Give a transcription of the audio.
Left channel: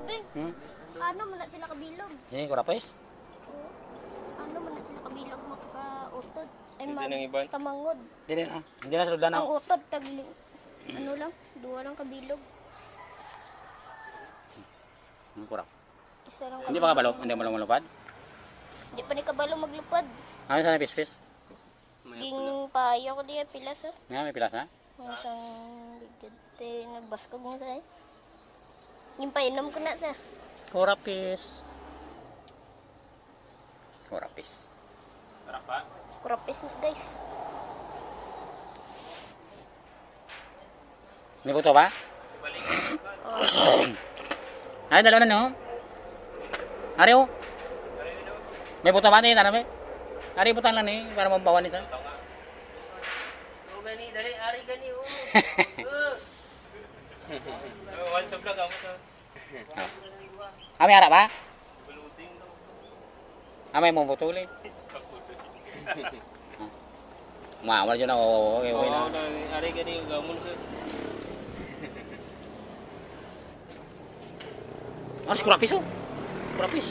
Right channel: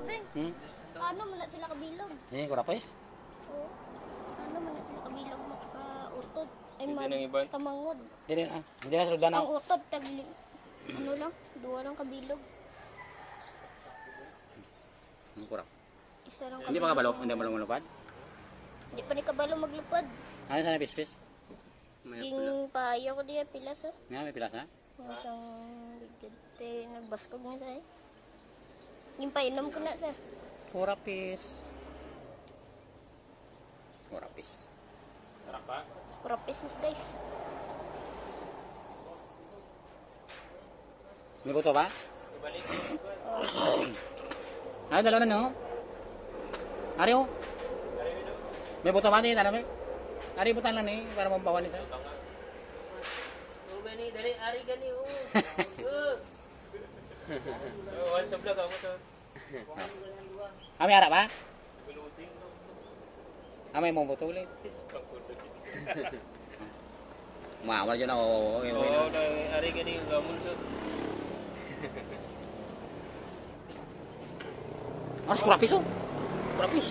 Abi, ano man na sila kabilog? Ini kurapis. Oo. Ano man na sila kabilog makautod. Ay Hindi nang iba. tamangod. Hindi na sulod Ang na. utod ano lang, duwa lang kabilog. Kurap. Isa lang Hindi pa kabalo, hindi mo lang malupad. Hindi pa ni kabalo maglupad. Ano sana pispis? Ging payo ko diya pilas ha. Nga may pilas na. Yung isang bigate nagbaskog mo sa. Yung painom ko na sa. Kurapis. Kurapis. Sarap pa. Kurapis na guys. Ini buto ba? Ibalik. Oh. Ay, dalawa na no. Ari oh. May buto ba ni tanam eh? Ari butang lang ni para mabawan ni sa. Oh, gani, dali, ari gani, oh. One sa vlog ako to. Ami harap ba? Buluting. Amay mo butulin. Mawala dyan ako. Okay, okay na. Oh, ari gani, gamon siya. Aras kurapis oh. Kurapis.